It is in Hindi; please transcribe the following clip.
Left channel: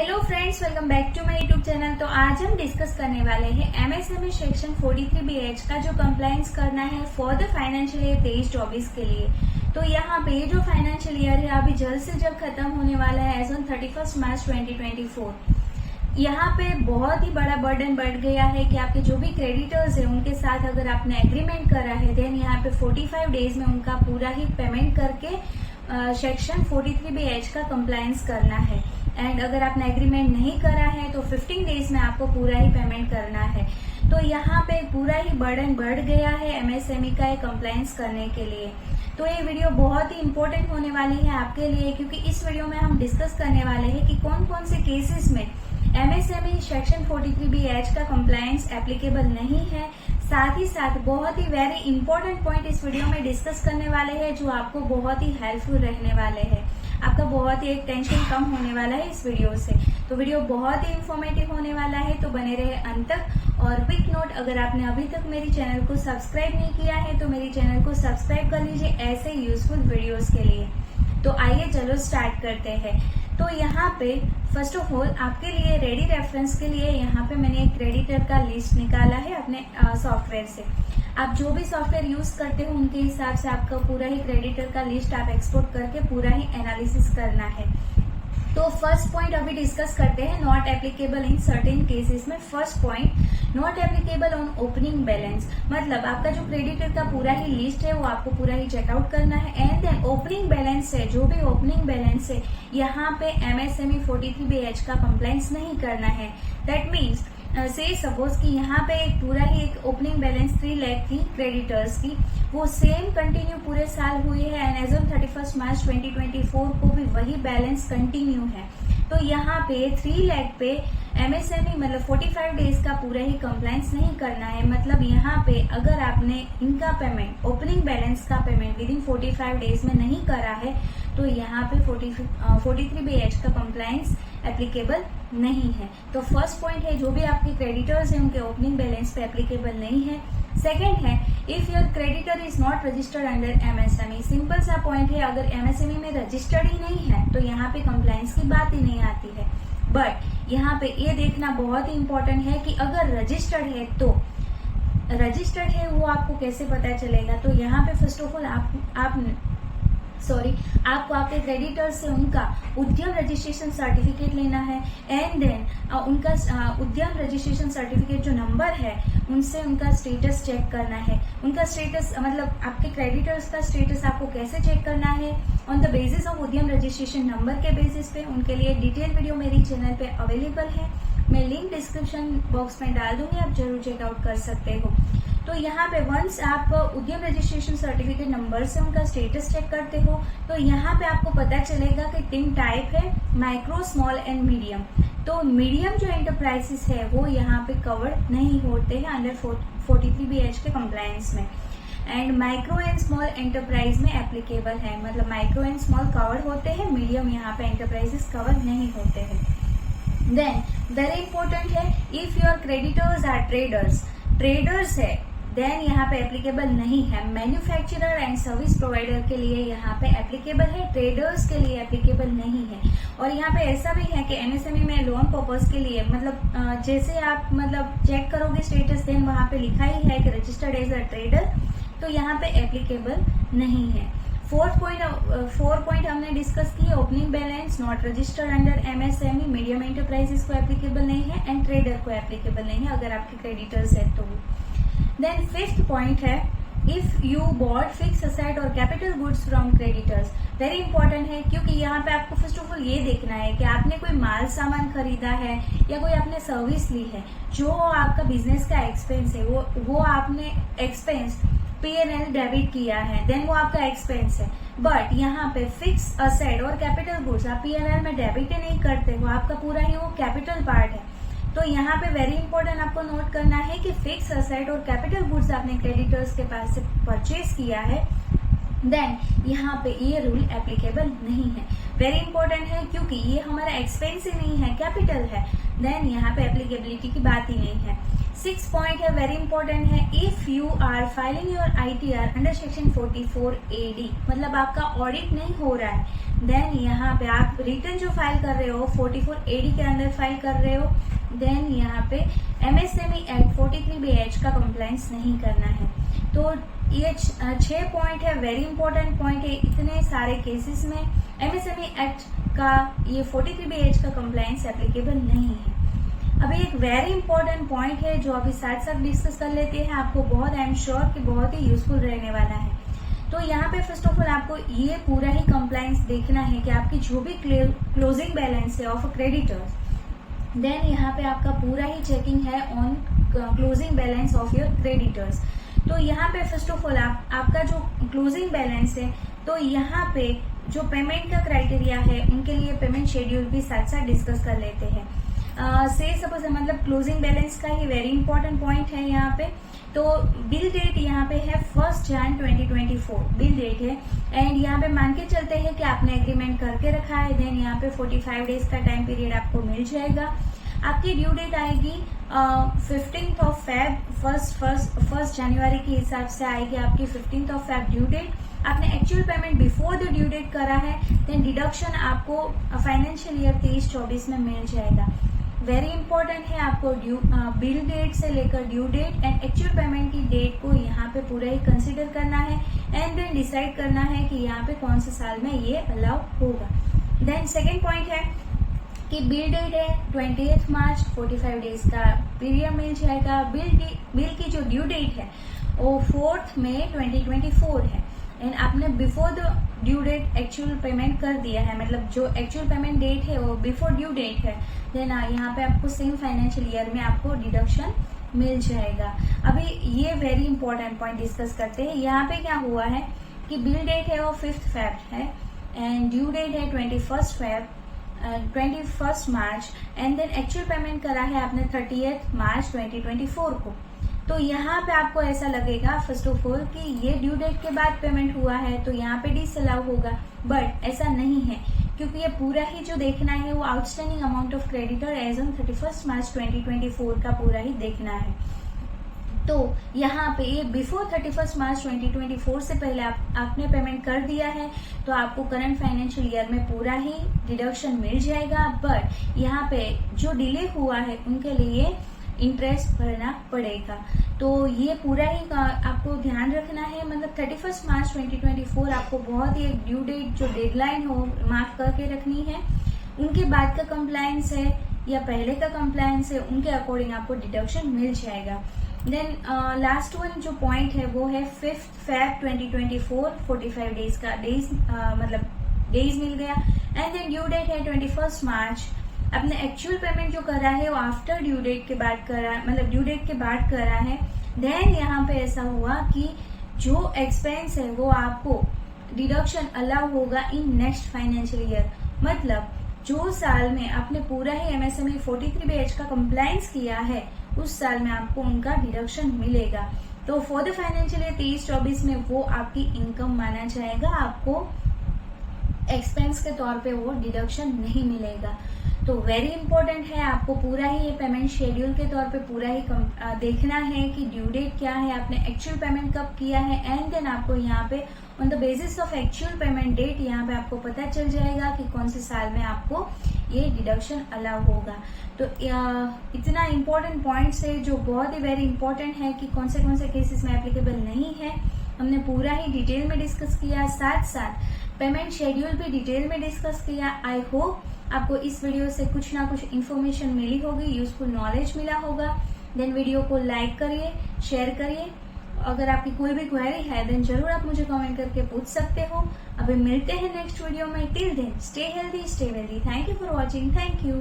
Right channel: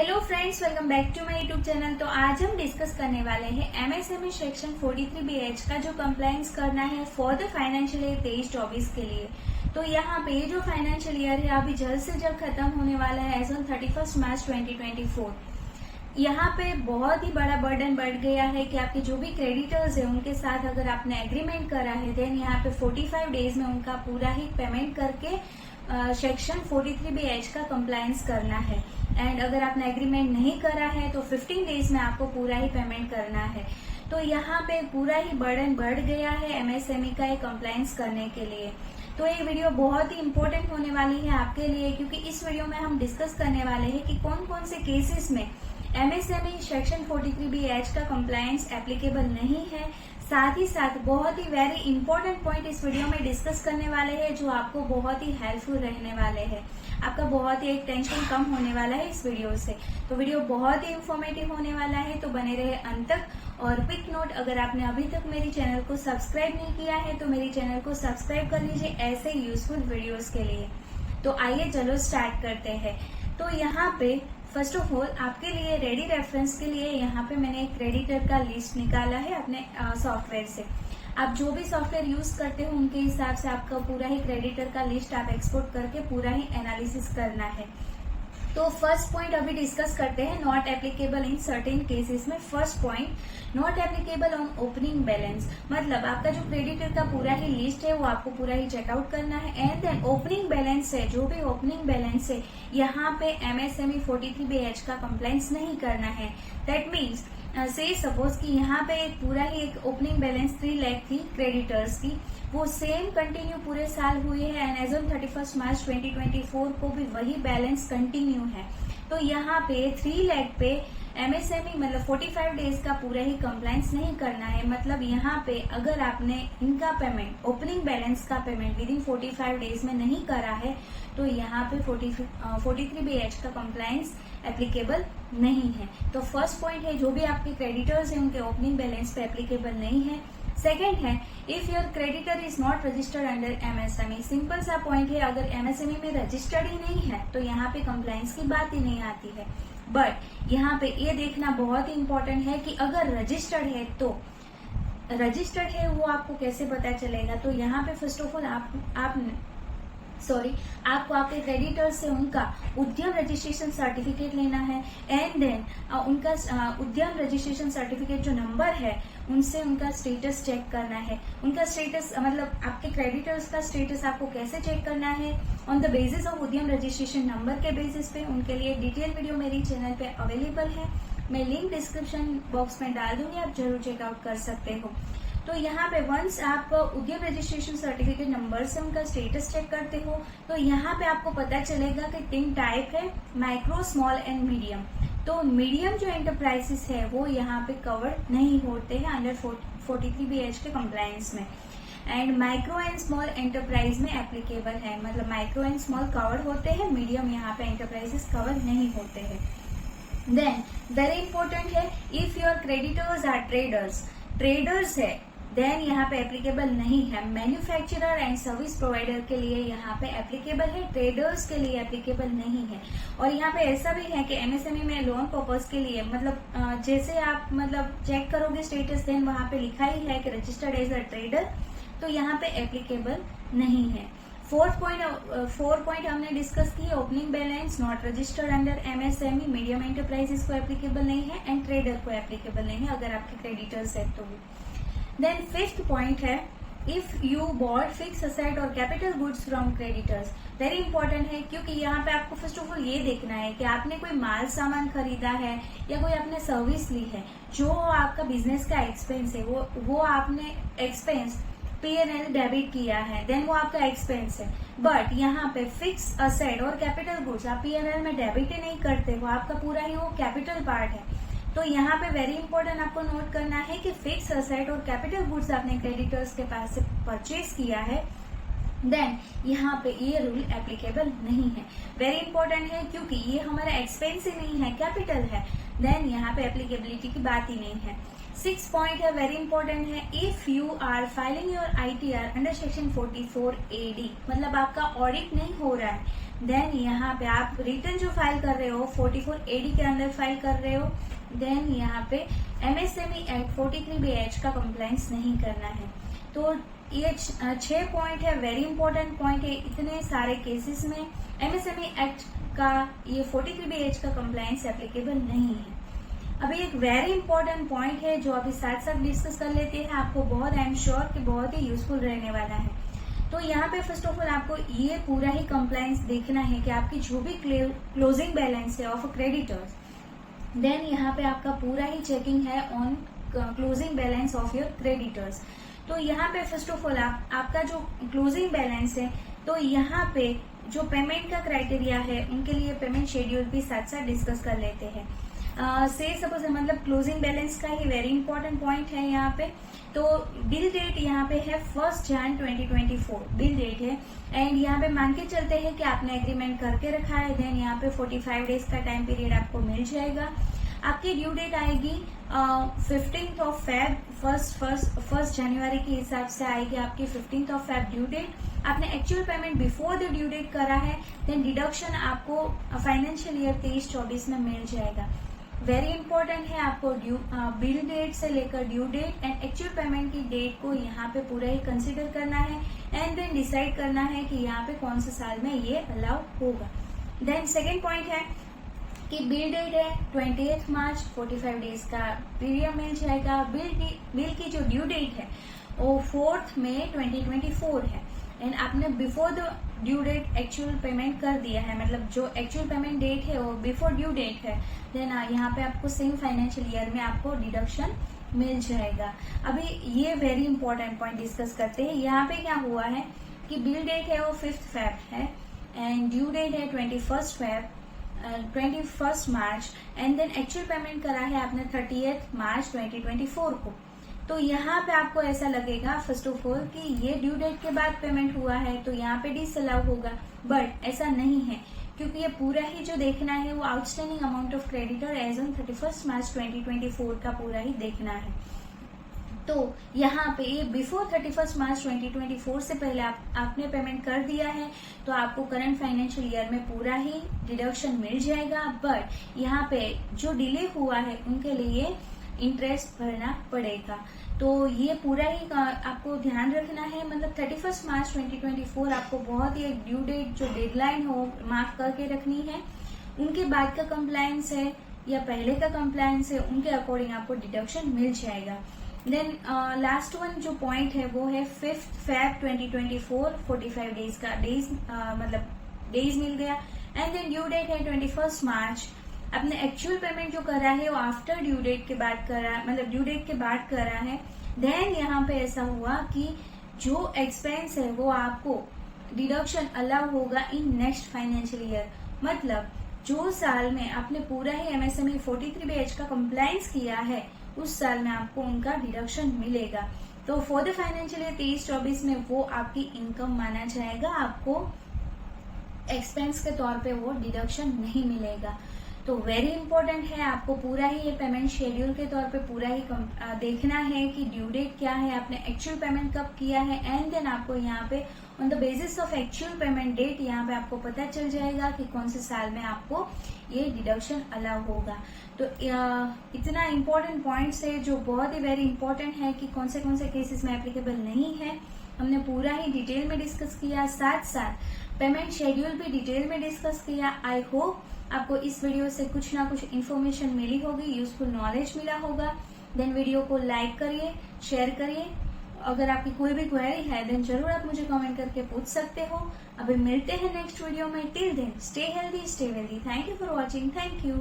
Hello friends, welcome back to my YouTube channel. तो आज हम डिस्कस करने वाले हैं एमएसएमई सेक्शन 43BH का जो कंप्लायंस करना है फॉर द फाइनेंशियल ईयर 23-24 के लिए। तो यहाँ पे ये जो फाइनेंशियल ईयर है अभी जल्द से जल्द खत्म होने वाला है एज ऑन 31 मार्च 2024। यहाँ पे बहुत ही बड़ा बर्डन बढ़ गया है कि आपके जो भी क्रेडिटर्स है उनके साथ अगर आपने एग्रीमेंट करा है देन यहाँ पे 45 डेज में उनका पूरा ही पेमेंट करके सेक्शन 43BH का कंप्लायंस करना है। एंड अगर आपने एग्रीमेंट नहीं करा है तो 15 डेज में आपको पूरा ही पेमेंट करना है। तो यहाँ पे पूरा ही बर्डन बढ़ गया है एमएसएमई का कंप्लायंस करने के लिए। तो ये वीडियो बहुत ही इम्पोर्टेंट होने वाली है आपके लिए, क्योंकि इस वीडियो में हम डिस्कस करने वाले हैं कि कौन कौन से केसेस में एमएसएमई सेक्शन 43BH का कंप्लायंस एप्लीकेबल नहीं है। साथ ही साथ बहुत ही वेरी इंपॉर्टेंट पॉइंट इस वीडियो में डिस्कस करने वाले हैं जो आपको बहुत ही हेल्पफुल रहने वाले हैं। आपका बहुत ही एक टेंशन कम होने वाला है इस वीडियो से। तो वीडियो बहुत ही इंफॉर्मेटिव होने वाला है, तो बने रहे अंत तक। और क्विक नोट, अगर आपने अभी तक मेरी चैनल को सब्सक्राइब नहीं किया है तो मेरी चैनल को सब्सक्राइब कर लीजिए ऐसे यूजफुल वीडियोस के लिए। तो आइए चलो स्टार्ट करते हैं। तो यहाँ पे फर्स्ट ऑफ ऑल आपके लिए रेडी रेफरेंस के लिए यहाँ पे मैंने एक क्रेडिटर का लिस्ट निकाला है अपने सॉफ्टवेयर से। आप जो भी सॉफ्टवेयर यूज करते हो उनके हिसाब से आपका पूरा ही क्रेडिटर का लिस्ट आप एक्सपोर्ट करके पूरा ही एनालिसिस करना है। तो फर्स्ट पॉइंट अभी डिस्कस करते हैं, not applicable in certain cases में। First point, not applicable on opening balance. मतलब आपका जो क्रेडिटर का पूरा ही लिस्ट है वो आपको पूरा ही चेकआउट करना है। एंड देन ओपनिंग बैलेंस है, जो भी ओपनिंग बैलेंस है यहाँ पे एमएसएमई 43BH का कंप्लायंस नहीं करना है। दैट मीन्स से सपोज कि यहाँ पे पूरा ही एक ओपनिंग बैलेंस 3 लाख थी क्रेडिटर्स की, वो सेम कंटिन्यू पूरे साल हुई है एंड एज ऑन 31 मार्च 2024 को भी वही बैलेंस कंटिन्यू है। तो यहाँ पे 3 लाख पे एमएसएमई मतलब 45 डेज का पूरा ही कंप्लायंस नहीं करना है। मतलब यहाँ पे अगर आपने इनका पेमेंट ओपनिंग बैलेंस का पेमेंट विद इन 45 डेज में नहीं करा है तो यहाँ पे 43BH का कंप्लायंस एप्लीकेबल नहीं है। तो फर्स्ट पॉइंट है, जो भी आपके क्रेडिटर्स हैं उनके ओपनिंग बैलेंस पे एप्लीकेबल नहीं है। सेकेंड है, if your creditor is not registered under MSME. Simple सा पॉइंट है, अगर एमएसएमई में रजिस्टर्ड ही नहीं है तो यहाँ पे कंप्लायंस की बात ही नहीं आती है। बट यहाँ पे ये देखना बहुत ही इंपॉर्टेंट है कि अगर रजिस्टर्ड है तो रजिस्टर्ड है वो आपको कैसे पता चलेगा। तो यहाँ पे फर्स्ट ऑफ ऑल आपको आपके क्रेडिटर्स से उनका उद्यम रजिस्ट्रेशन सर्टिफिकेट लेना है। एंड देन उनका उद्यम रजिस्ट्रेशन सर्टिफिकेट जो नंबर है उनसे उनका स्टेटस चेक करना है। उनका स्टेटस मतलब आपके क्रेडिटर्स का स्टेटस आपको कैसे चेक करना है, ऑन द बेसिस ऑफ उद्यम रजिस्ट्रेशन नंबर के बेसिस पे। उनके लिए डिटेल वीडियो मेरी चैनल पे अवेलेबल है, मैं लिंक डिस्क्रिप्शन बॉक्स में डाल दूंगी, आप जरूर चेकआउट कर सकते हो। तो यहाँ पे वंस आप उद्यम रजिस्ट्रेशन सर्टिफिकेट नंबर से उनका स्टेटस चेक करते हो तो यहाँ पे आपको पता चलेगा कि 3 टाइप है, माइक्रो, स्मॉल एंड मीडियम। तो मीडियम जो एंटरप्राइजेस है वो यहाँ पे कवर नहीं होते हैं अंडर 43BH के कंप्लायंस में। And micro and small enterprise में एप्लीकेबल है। मतलब माइक्रो एंड स्मॉल कवर होते हैं, मीडियम यहाँ पे एंटरप्राइजेस कवर नहीं होते हैं। देन वेरी इंपॉर्टेंट है, if your creditors are traders है देन यहाँ पे एप्लीकेबल नहीं है। मैन्युफैक्चरर एंड सर्विस प्रोवाइडर के लिए यहाँ पे एप्लीकेबल है, ट्रेडर्स के लिए एप्लीकेबल नहीं है। और यहाँ पे ऐसा भी है कि एमएसएमई में लोन पर्पज के लिए मतलब जैसे आप मतलब चेक करोगे स्टेटस देन वहां पे लिखा ही है कि रजिस्टर्ड एज अ ट्रेडर, तो यहाँ पे एप्लीकेबल नहीं है। फोर पॉइंट हमने डिस्कस की, opening balance not registered under MSME, medium enterprises को एप्लीकेबल नहीं है एंड ट्रेडर को एप्लीकेबल नहीं है अगर आपके क्रेडिटर्स है तो। देन फिफ्थ पॉइंट है, if you bought fix asset और capital goods from creditors. Very important है, क्योंकि यहाँ पे आपको फर्स्ट ऑफ ऑल ये देखना है कि आपने कोई माल सामान खरीदा है या कोई आपने सर्विस ली है, जो आपका बिजनेस का एक्सपेंस है वो आपने एक्सपेंस P&L डेबिट किया है, देन वो आपका एक्सपेंस है। बट यहाँ पे फिक्स असेट और कैपिटल गुड्स आप P&L में डेबिट ही नहीं करते हो, आपका पूरा ही वो कैपिटल पार्ट है। तो यहाँ पे वेरी इंपॉर्टेंट आपको नोट करना है कि फिक्स असेट और कैपिटल गुड्स आपने क्रेडिटर्स के पास से परचेज किया है देन यहाँ पे ये रूल एप्लीकेबल नहीं है। वेरी इंपॉर्टेंट है, क्योंकि ये हमारा एक्सपेंस ही नहीं है, कैपिटल है, देन यहाँ पे एप्लीकेबिलिटी की बात ही नहीं है। 6 पॉइंट है, वेरी इंपॉर्टेंट है, if you are filing your ITR under section 44AD, मतलब आपका ऑडिट नहीं हो रहा है देन यहाँ पे आप रिटर्न जो फाइल कर रहे हो 44 AD के अंदर फाइल कर रहे हो। देन यहाँ पे MSME एक्ट 43BH का कंप्लायंस नहीं करना है। तो ये 6 पॉइंट है, वेरी इंपॉर्टेंट पॉइंट है। इतने सारे केसेस में MSME एक्ट का ये 43BH का कंप्लायंस एप्लीकेबल नहीं है। अभी एक वेरी इंपॉर्टेंट पॉइंट है जो अभी साथ साथ डिस्कस कर लेते हैं, आपको बहुत आई एम श्योर कि बहुत ही यूजफुल रहने वाला है। तो यहाँ पे फर्स्ट ऑफ ऑल आपको ये पूरा ही कंप्लायंस देखना है कि आपकी जो भी क्लोजिंग बैलेंस है ऑफ क्रेडिटर्स, देन यहाँ पे आपका पूरा ही चेकिंग है on closing balance of your creditors. तो यहाँ पे फर्स्ट ऑफ ऑल आपका जो क्लोजिंग बैलेंस है, तो यहाँ पे जो पेमेंट का क्राइटेरिया है उनके लिए पेमेंट शेड्यूल भी साथ साथ डिस्कस कर लेते हैं। से सपोज मतलब क्लोजिंग बैलेंस का ही वेरी इंपॉर्टेंट पॉइंट है यहाँ पे। तो बिल डेट यहाँ पे है 1 Jan 2024 बिल डेट है, एंड यहाँ पे मान के चलते हैं कि आपने एग्रीमेंट करके रखा है। देन यहाँ पे 45 डेज का टाइम पीरियड आपको मिल जाएगा। आपकी ड्यू डेट आएगी 15th of Feb, 1 जनवरी के हिसाब से आएगी आपकी 15th of Feb due date. आपने actual payment before the due date करा है, देन डिडक्शन आपको फाइनेंशियल ईयर 23-24 में मिल जाएगा। वेरी इंपॉर्टेंट है, आपको बिल डेट से लेकर due date and actual payment की डेट को यहाँ पे पूरा ही कंसिडर करना है एंड देन डिसाइड करना है कि यहाँ पे कौन से साल में ये अलाउ होगा। देन सेकेंड पॉइंट है कि बिल डेट है 28 मार्च, 45 डेज का पीरियड मिल जाएगा। बिल की जो ड्यू डेट है वो 4 मई 2024 है, एंड आपने before the due date actual payment कर दिया है, मतलब जो एक्चुअल पेमेंट डेट है वो बिफोर ड्यू डेट है, देन यहाँ पे आपको सेम फाइनेंशियल ईयर में आपको डिडक्शन मिल जाएगा। अभी ये वेरी इंपॉर्टेंट पॉइंट डिस्कस करते हैं। यहाँ पे क्या हुआ है कि बिल डेट है वो 5th Feb है एंड ड्यू डेट है 21 मार्च एंड देन एक्चुअल पेमेंट करा है आपने 30 मार्च 2024 को। तो यहाँ पे आपको ऐसा लगेगा फर्स्ट ऑफ ऑल कि ये ड्यू डेट के बाद पेमेंट हुआ है तो यहाँ पे डिसअलाउ होगा, बट ऐसा नहीं है, क्योंकि ये पूरा ही जो देखना है वो outstanding amount of creditor as on 31 March 2024 का पूरा ही देखना है। तो यहाँ पे ये बिफोर 31 मार्च 2024 से पहले आपने पेमेंट कर दिया है तो आपको करंट फाइनेंशियल ईयर में पूरा ही डिडक्शन मिल जाएगा, बट यहाँ पे जो डिले हुआ है उनके लिए इंटरेस्ट भरना पड़ेगा। तो ये पूरा ही आपको ध्यान रखना है, मतलब 31 मार्च 2024 आपको बहुत ही एक ड्यू डेट जो डेडलाइन हो मार्क करके रखनी है। उनके बाद का कंप्लायंस है या पहले का कंप्लायंस है उनके अकॉर्डिंग आपको डिडक्शन मिल जाएगा। देन लास्ट वन जो पॉइंट है वो है 5th Feb 2024, 45 डेज का मतलब डेज मिल गया एंड देन ड्यू डेट है 21 मार्च। आपने एक्चुअल पेमेंट जो करा है वो आफ्टर ड्यू डेट के बाद करा, मतलब ड्यू डेट के बाद करा है। देन यहाँ पे ऐसा हुआ कि जो एक्सपेंस है वो आपको डिडक्शन अलाउ होगा इन नेक्स्ट फाइनेंशियल ईयर, मतलब जो साल में आपने पूरा ही MSME 43BH का कंप्लायंस किया है उस साल में आपको उनका डिडक्शन मिलेगा। तो फॉर द फाइनेंशियल ईयर 23-24 में वो आपकी इनकम माना जाएगा, आपको एक्सपेंस के तौर पे वो डिडक्शन नहीं मिलेगा। तो वेरी इंपॉर्टेंट है, आपको पूरा ही ये पेमेंट शेड्यूल के तौर पे पूरा ही देखना है कि ड्यू डेट क्या है, आपने एक्चुअल पेमेंट कब किया है एंड देन आपको यहाँ पे on the basis of actual payment date यहाँ पे आपको पता चल जाएगा कि कौन से साल में आपको ये डिडक्शन अलाउ होगा। तो इतना इम्पोर्टेंट पॉइंट्स है जो बहुत ही वेरी इंपॉर्टेंट है कि कौन से केसेस में एप्लीकेबल नहीं है, हमने पूरा ही डिटेल में डिस्कस किया, साथ साथ पेमेंट शेड्यूल भी डिटेल में डिस्कस किया। आई होप आपको इस वीडियो से कुछ ना कुछ इन्फॉर्मेशन मिली होगी, यूजफुल नॉलेज मिला होगा। देन वीडियो को लाइक करिए, शेयर करिए। अगर आपकी कोई भी क्वेरी है देन जरूर आप मुझे कमेंट करके पूछ सकते हो। अभी मिलते हैं नेक्स्ट वीडियो में। Till then stay healthy, stay wealthy. Thank you for watching. Thank you.